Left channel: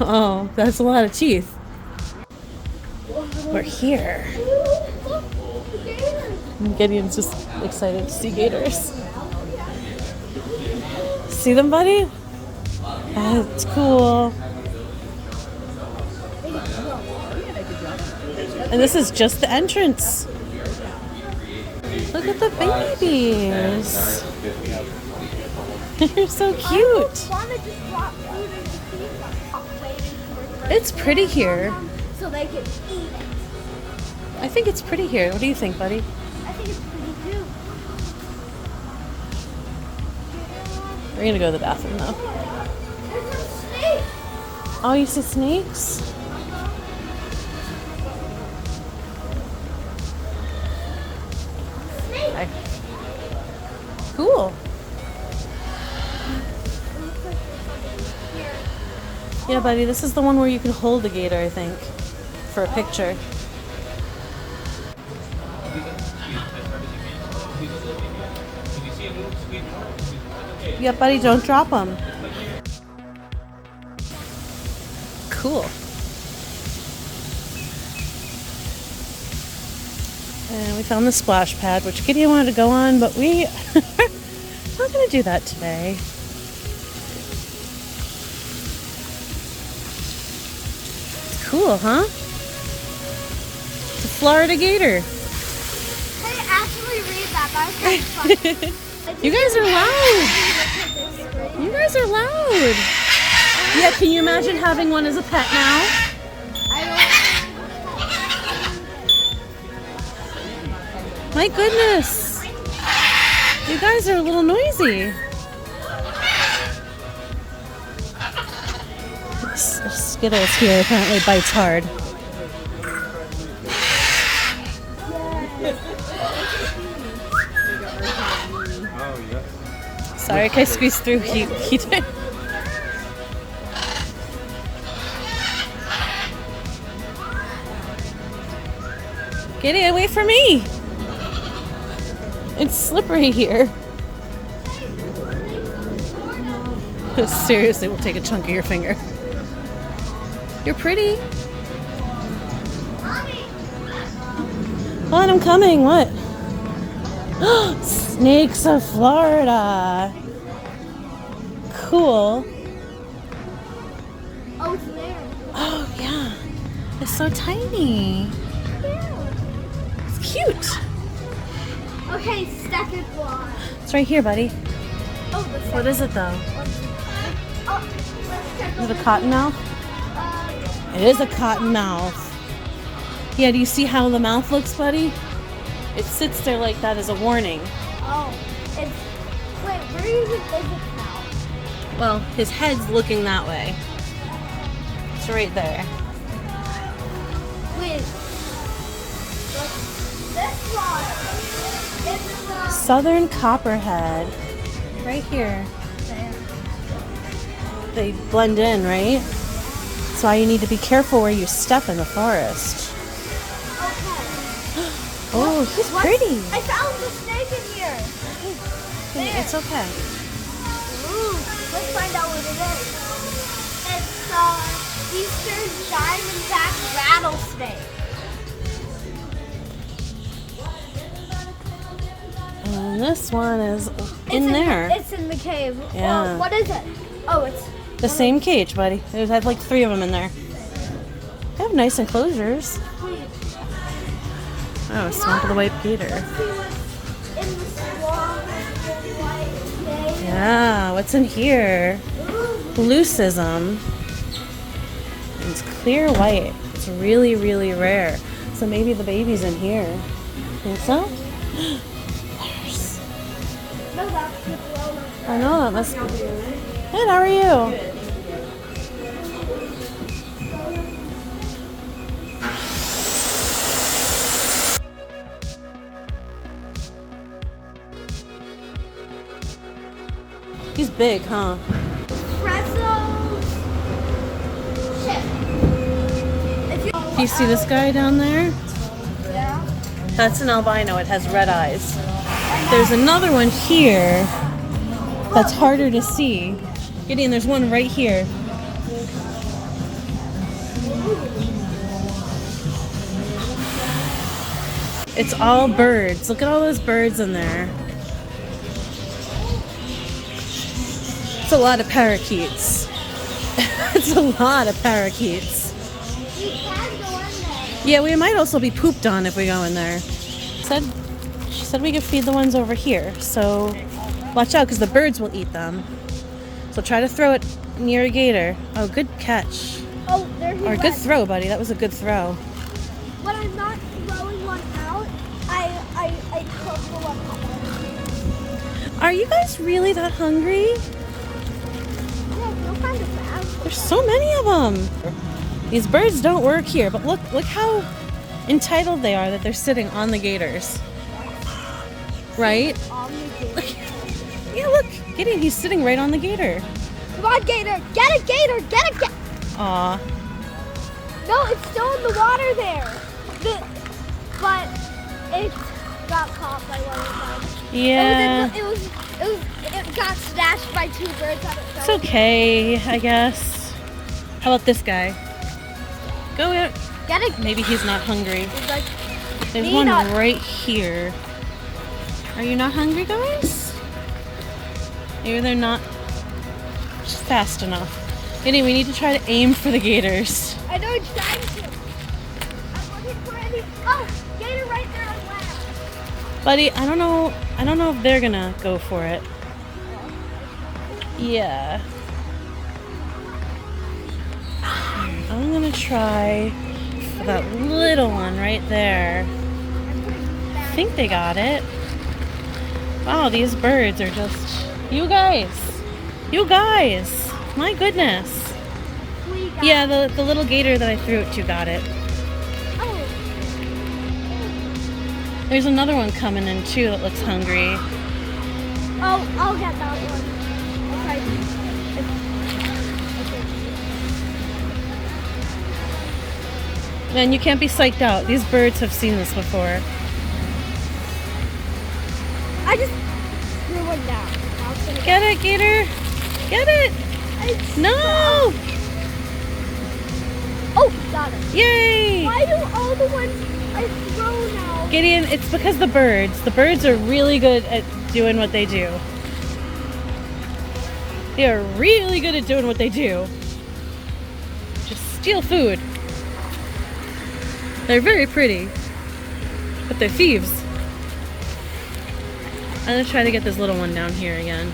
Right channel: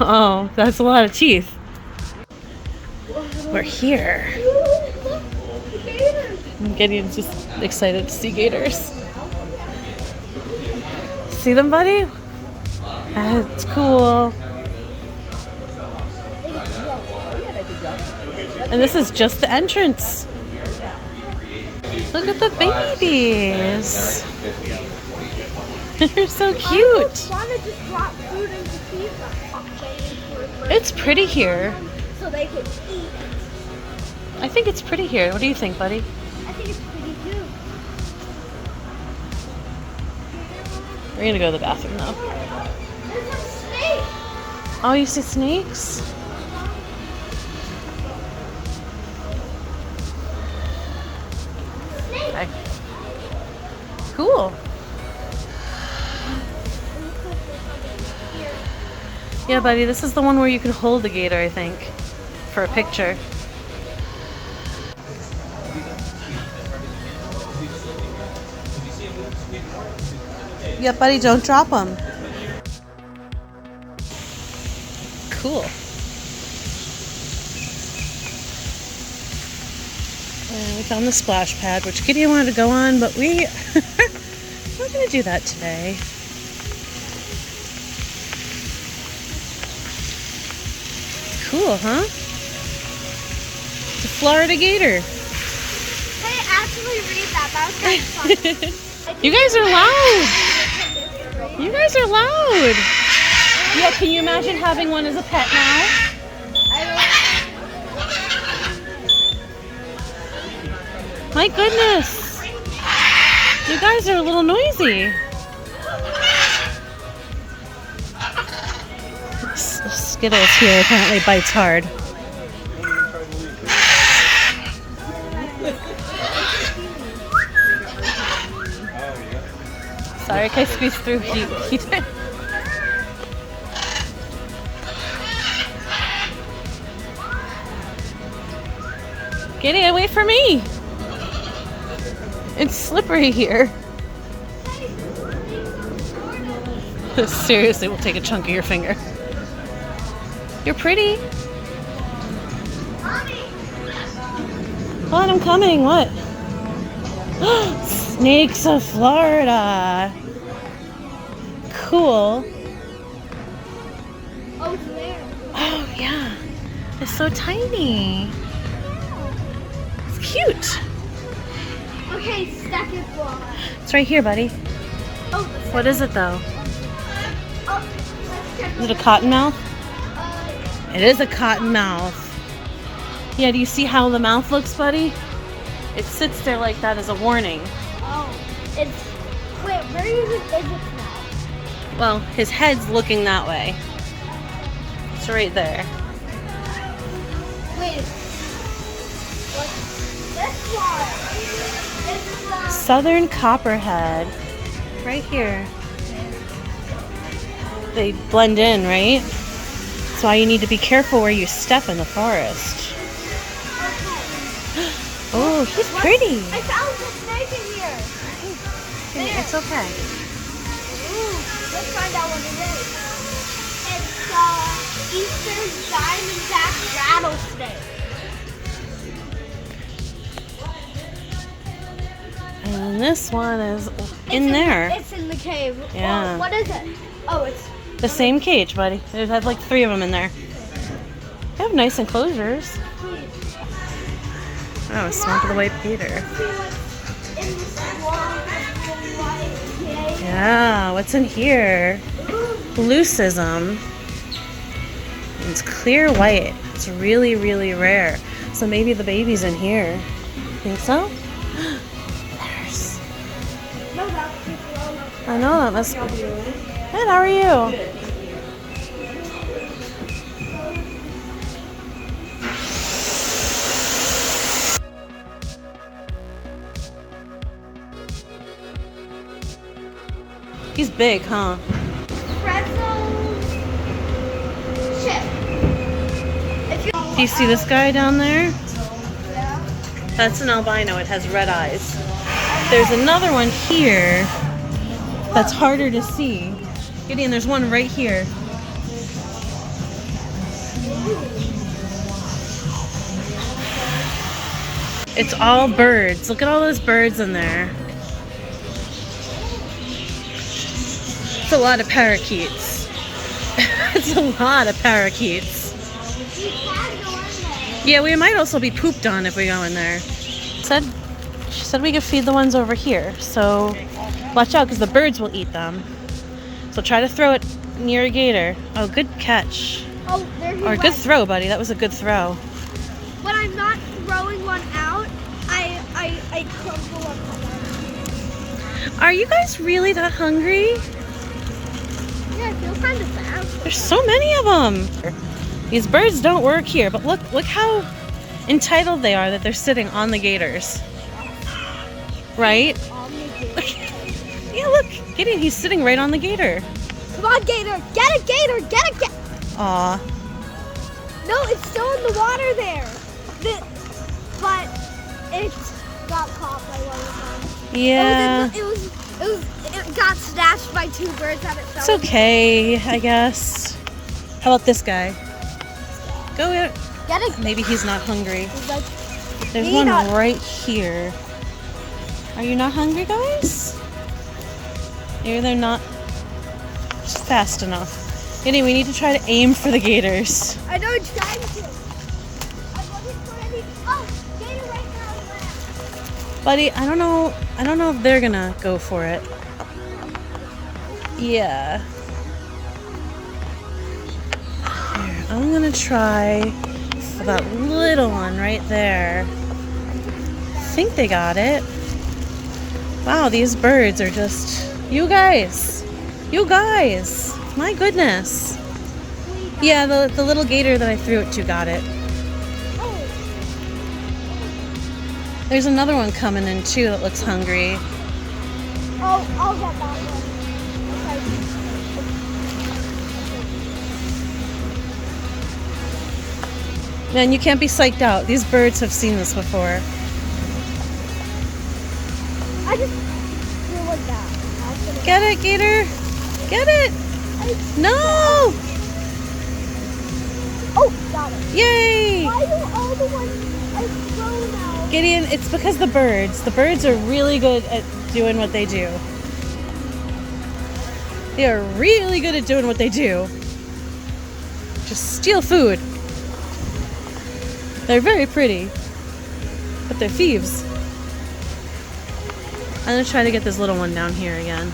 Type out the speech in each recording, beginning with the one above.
Oh, that's a lot of teeth. We're here. And Gideon's just excited to see gators. See them, buddy? That's cool. And this is just the entrance. Look at the babies. They're so cute. It's pretty here. So they could eat. I think it's pretty here. What do you think, buddy? I think it's pretty too. We're gonna go to the bathroom though. There's a snake. Oh, you see snakes? Snake. Okay. Cool. Yeah, buddy, this is the one where you can hold the gator, I think, for a picture. Yeah, buddy, don't drop them. Cool. And we found the splash pad, which Gideon wanted to go on, but we're not going to do that today. Cool, huh? It's a Florida gator. Hey, actually read that. That was kind of fun. You guys are loud. You guys are loud. Yeah, can you imagine having one as a pet now? My goodness. You guys are a little noisy. Skittles here apparently bites hard. Sorry, can I squeeze through? He did. Gideon, wait for me. It's slippery here. Seriously, we'll take a chunk of your finger. You're pretty. What? I'm coming. What? Snakes of Florida. Cool. Oh, it's there. Oh, yeah. It's so tiny. It's cute. Okay, second one. It's right here, buddy. Oh, What is it, though? let's check Is it a cottonmouth? It is a cottonmouth. Yeah, do you see how the mouth looks, buddy? It sits there like that as a warning. Oh, it's. Wait, where is it? Well, his head's looking that way. It's right there. Wait. This one. This one. Southern copperhead. Right here. They blend in, right? That's why you need to be careful where you step in the forest. Okay. Oh, he's pretty. I found the snake in here. It's okay. Ooh, let's find out what it is. It's Eastern Diamondback rattlesnake. And this one is in there. It's in the cave. Yeah. What is it? Oh, it's The same cage, buddy. There's have like 3 of them in there. They have nice enclosures. Oh, Swamp of the White Gator. in the swamp of the white cave. Yeah, what's in here? Leucism. It's clear white. It's really, really rare. So maybe the baby's in here. Think so? There's. No, that's the corona. I know, that must be. Good, how are you? He's big, huh? Do you see this guy down there? That's an albino. It has red eyes. There's another one here that's harder to see. Gideon, there's one right here. It's all birds. Look at all those birds in there. It's a lot of parakeets. It's a lot of parakeets. Yeah, we might also be pooped on if we go in there. She said we could feed the ones over here. So watch out because the birds will eat them. So try to throw it near a gator. Oh, good catch. Oh, there he Or went. good throw, buddy. That was a good throw. When I'm not throwing one out, I crumple up. Are you guys really that hungry? Yeah, I feel kind of bad. There's so many of them. These birds don't work here, but look how entitled they are that they're sitting on the gators. Right? On the gator. Yeah, look. Gideon, he's sitting right on the gator. Come on, gator. Get a gator. Get a gator. Aw. No, it's still in the water there. But it got caught by one of them. Yeah. It got snatched by two birds at a It's okay, I guess. How about this guy? Go in. Get a Maybe he's not hungry. He's like, There's Need one a- right here. Are you not hungry, guys? Maybe they're not fast enough. Anyway, we need to try to aim for the gators. I know it's trying to. I'm looking for any. Oh, gator right there on land. Buddy, I don't know if they're gonna go for it. Yeah. I'm gonna try for that little one right there. I think they got it. Wow, these birds are just... You guys! My goodness! Yeah, the little gator that I threw it to got it. There's another one coming in too that looks hungry. Oh, I'll get that one. Man, you can't be psyched out. These birds have seen this before. I just threw one down. Get it, gator! Get it! No! Oh, got it. Yay! Why do all the ones I throw now? Gideon, it's because the birds are really good at doing what they do. They are really good at doing what they do. Just steal food. They're very pretty, but they're thieves. I'm gonna try to get this little one down here again.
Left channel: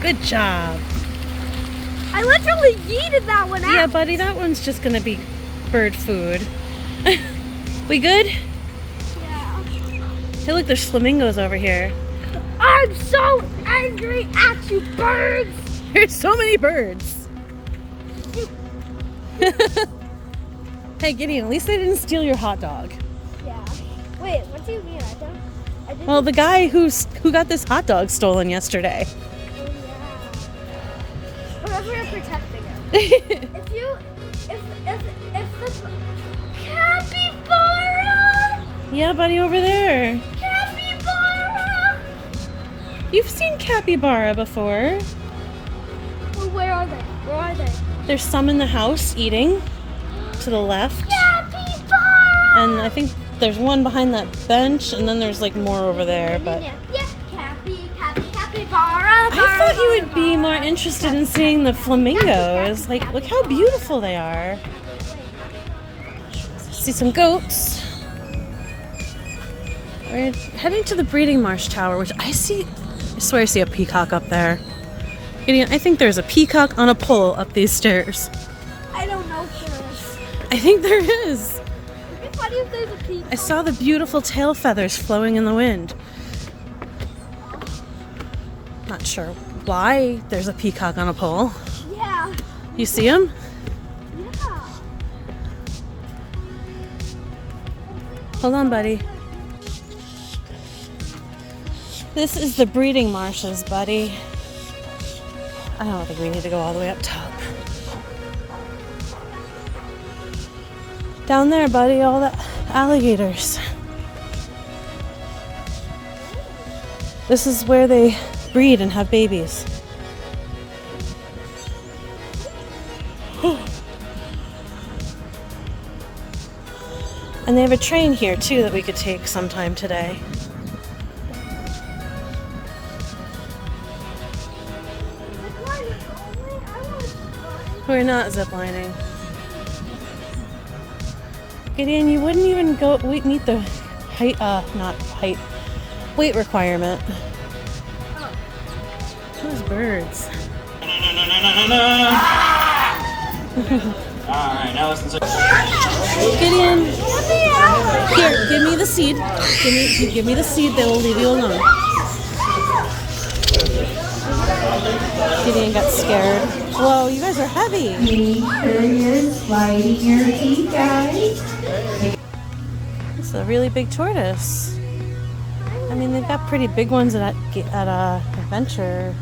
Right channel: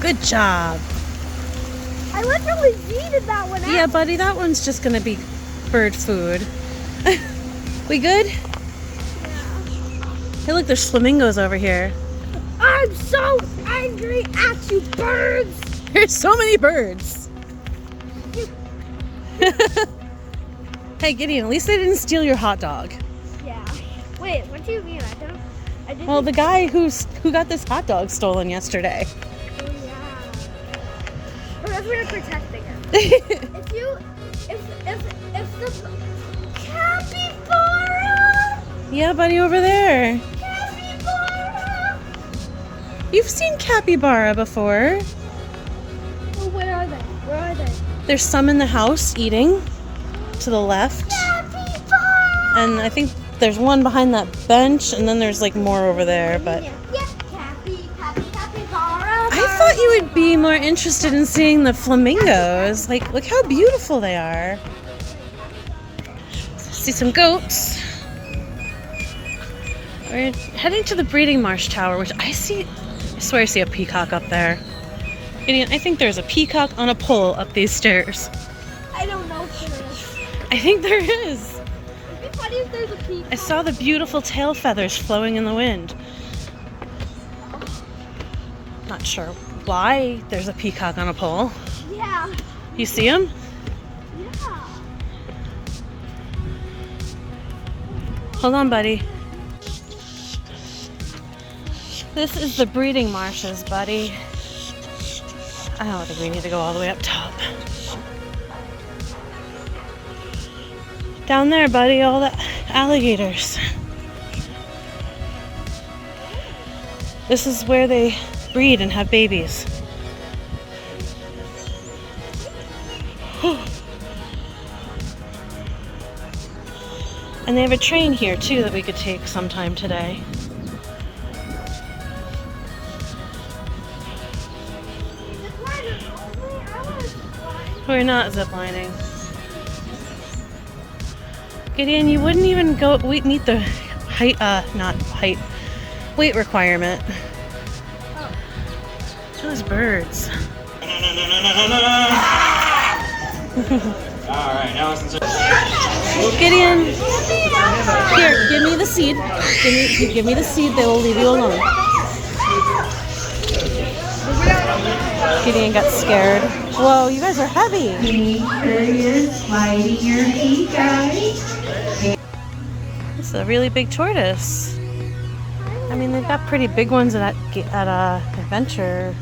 Good job. I literally yeeted that one out. Yeah, buddy, that one's just gonna be bird food. We good? Yeah. Hey, look, there's flamingos over here. I'm so angry at you, birds. There's so many birds. Hey, Gideon, at least they didn't steal your hot dog. Yeah. Wait, what do you mean? I didn't. Well, the guy who got this hot dog stolen yesterday. Oh, yeah. But we're protecting him. If the capybara. Yeah, buddy, over there. Capybara. You've seen capybara before. Well, where are they? Where are they? There's some in the house eating to the left. Capybara. And I think there's one behind that bench, and then there's like more over there, but Yeah, capybara. I thought you would be more interested in seeing the flamingos. Like, look how beautiful they are. See some goats. We're heading to the breeding marsh tower, which I swear I see a peacock up there. Gideon, I think there's a peacock on a pole up these stairs. I don't know if there is. I think there is. It'd be funny if there's a peacock. I saw the beautiful tail feathers flowing in the wind. Not sure why there's a peacock on a pole. Yeah. You see him? Yeah. Hold on, buddy. This is the breeding marshes, buddy. I don't think we need to go all the way up top. Down there, buddy, all the alligators. This is where they breed and have babies. And they have a train here too that we could take sometime today. We're not ziplining. Gideon, you wouldn't even go meet the height, weight requirement. Those birds. Alright, now listen to Gideon, here, give me the seed. Give me the seed, they will leave you alone. Gideon got scared. Whoa, you guys are heavy. Sliding your feet, guys. It's a really big tortoise. I mean, they've got pretty big ones at Adventure.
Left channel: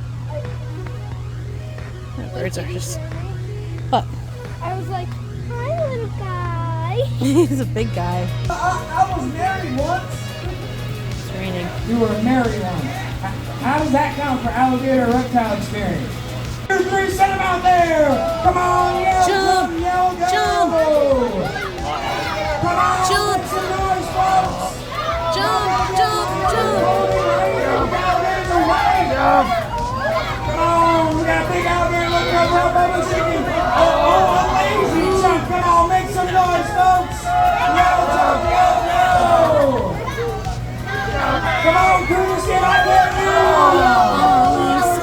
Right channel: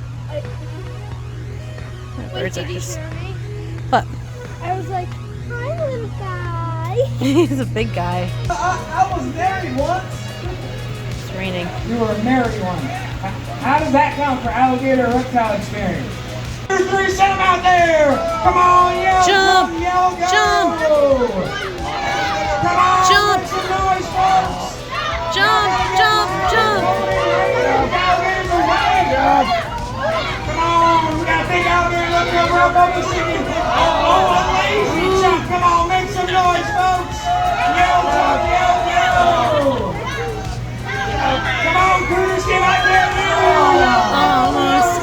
The birds are just. What? I was like, hi, little guy. He's a big guy. I was married once. It's raining. You were married once. How does that count for alligator reptile experience? 2, 3, send them out there! Come on, yell, Jump! yell, go! Jump! Come on, Jump! make some noise, folks! Jump! Jump! Jump! Alligators away! Come on, we got a big alligator looking over our bubble chicken. Oh, a lazy jump! Come on, make some noise, folks! Yell, jump, yell, go! Come on, Curtis, get out there! Almost.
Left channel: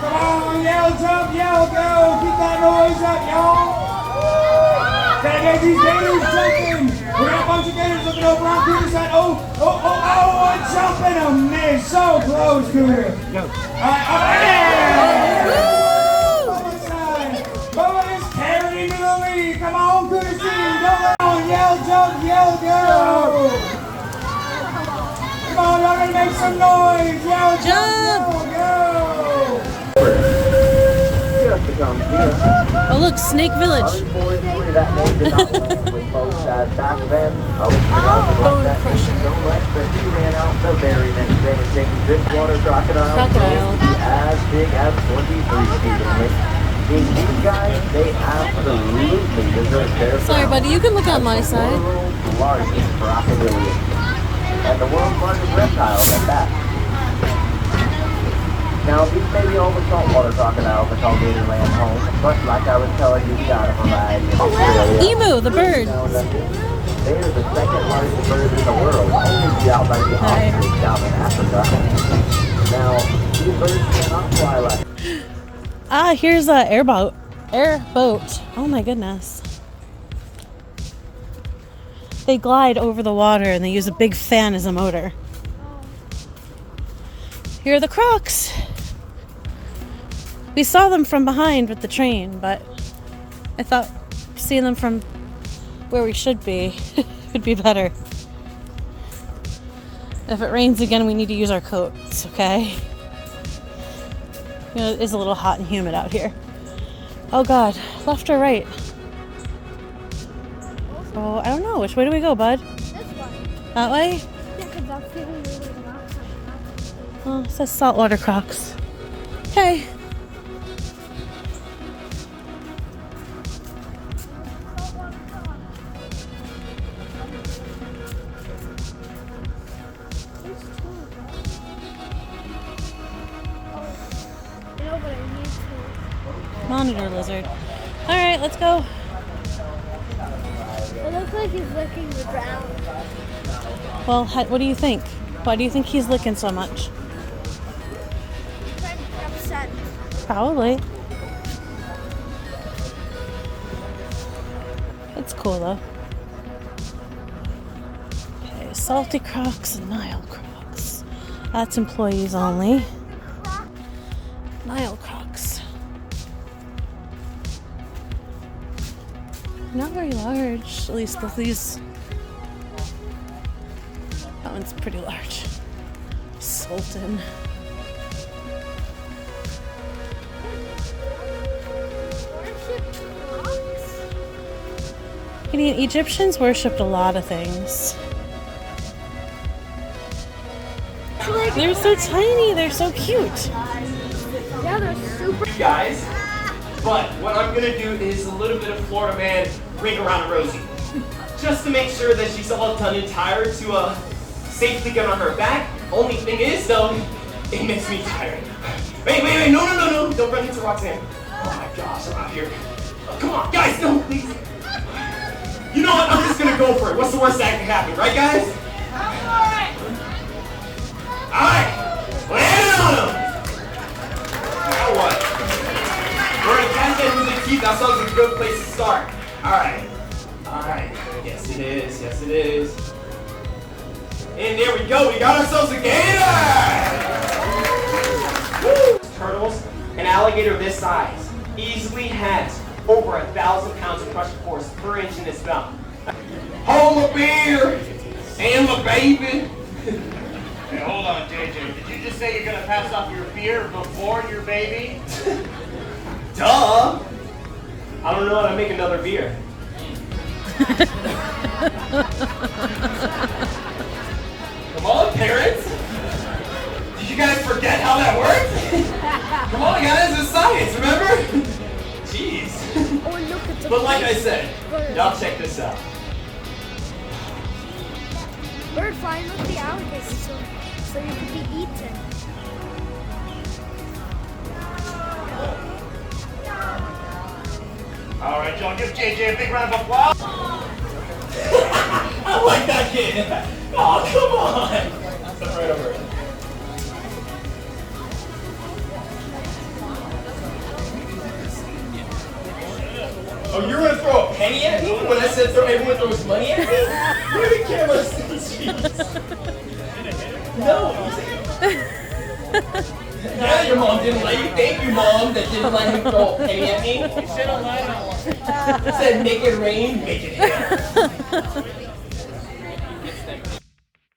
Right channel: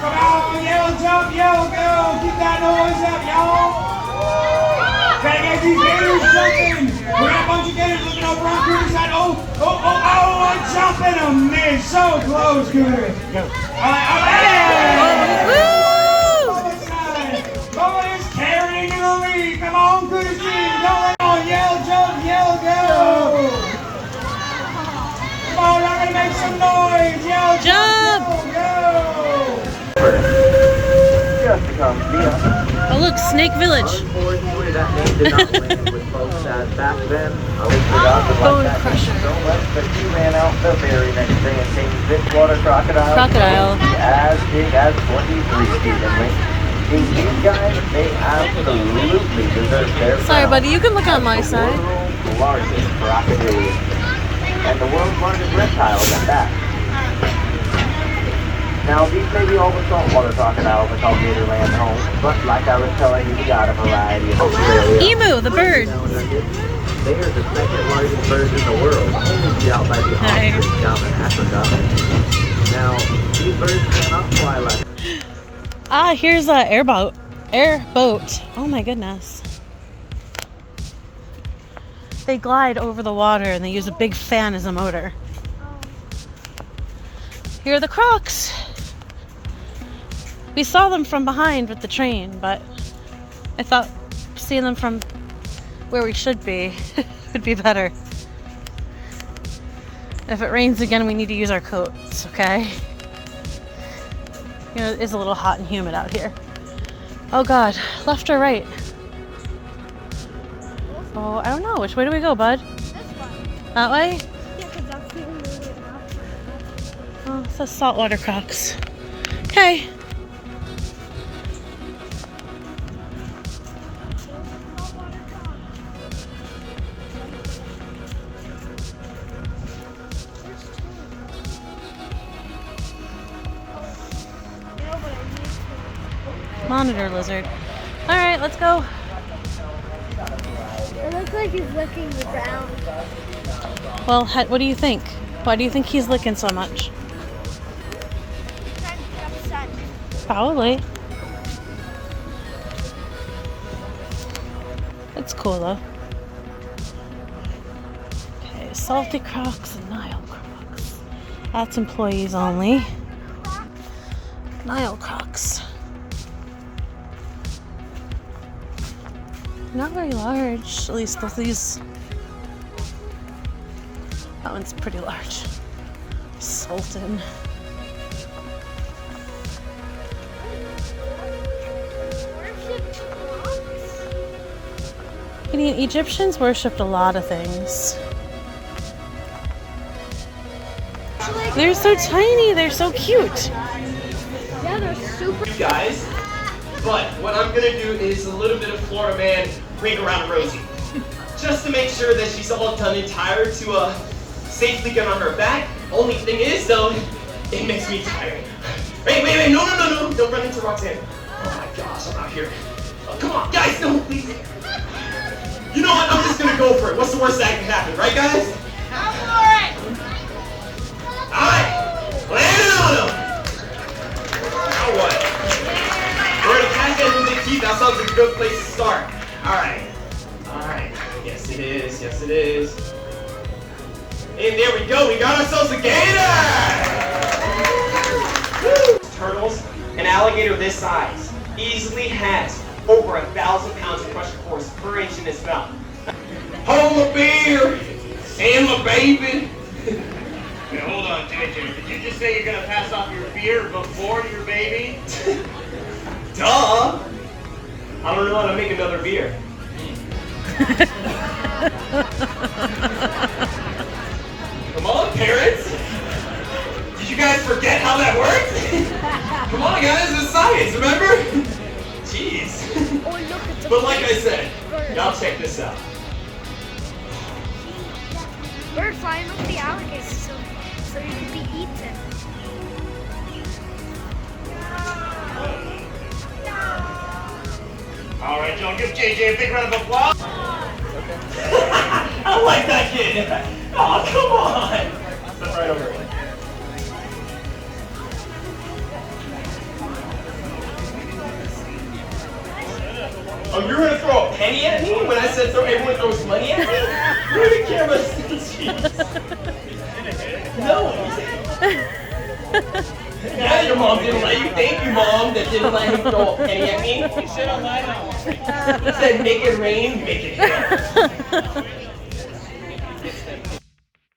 Come on, yell, jump, yell, go! Keep that noise up, y'all! Gotta get these gators jumping! We got a bunch of gators looking over on Cooter's side. Oh, a jump and a miss! So close, Cooter! Go. Alright, Bubba's side! Bubba is carrying into the lead! Come on, Cooter's team! Come on, yell, jump, yell, go! Come on, y'all gonna make some noise! Yell, Jump! yell, go! Just to come via. Oh, look, Snake Village. Unfortunately, that name did not land with folks that back then. I looked it up and Bone like that Crusher. name so much, but he ran out the very next day and taking this water crocodile. Crocodile. As big as 23 feet in length. These guys, they absolutely deserve their Sorry, crown. buddy, you can look on my side. The world's largest crocodilian. And the world's largest reptiles at that. Now, these may be all the saltwater crocodiles that call Gatorland home, but like I was telling you, we got a variety in Australia. Emu, the bird. They are the second largest birds in the world, only to be out by the ostrich down in Africa. Now, these birds cannot fly like. Ah, here's a airboat. Oh my goodness. They glide over the water and they use a big fan as a motor. Here are the crocs. We saw them from behind with the train, but I thought seeing them from where we should be would be better. If it rains again, we need to use our coats, okay? You know, it is a little hot and humid out here. Oh God, left or right? Oh, I don't know. Which way do we go, bud? That way? Oh, it says saltwater crocs. Okay. Monitor lizard. All right, let's go. It looks like he's licking the ground. Well, what do you think? Why do you think he's licking so much? Upset. Probably. That's cool though. Okay, salty crocs and Nile crocs. That's employees only. Nile crocs. Not very large, at least both of these. That one's pretty large. Sultan. Gideon, Egyptians worshipped a lot of things. They're so tiny, they're so cute. Yeah, they're super. You guys, but what I'm gonna do is a little bit of Florida man ring around a rosy. just to make sure that she's all done and tired to safely get on her back. Only thing is though, it makes me tired. Wait, no, don't run into Roxanne. Oh my gosh, I'm out here. Oh, come on, guys, no, please. You know what, I'm just gonna go for it. What's the worst that can happen, right guys? Alright, land it on him. Now what? We're gonna catch that with the teeth. That sounds like a good place to start. Alright. Yes it is. And there we go. We got ourselves a gator! Woo! Turtles, an alligator this size easily has over 1,000 pounds of pressure force per inch in its mouth. Hold my beer and my baby. Hey, hold on, JJ. Did you just say you're gonna pass off your beer before your baby? Duh! I don't know how to make another beer. Come on, parents! Did you guys forget how that works? Come on, guys, it's science, remember? Jeez. But like I said, y'all check this out. They're flying over the alligators so you can be eaten. All right, y'all, give JJ a big round of applause. I like that kid. Oh, come on. That's right over there. Oh, you were gonna throw a penny at me when I said everyone throws money at me? Where did the camera see? No. Yeah, your mom didn't let you. Thank you, Mom, that didn't let him throw a penny at me. You said make it rain, make it hail.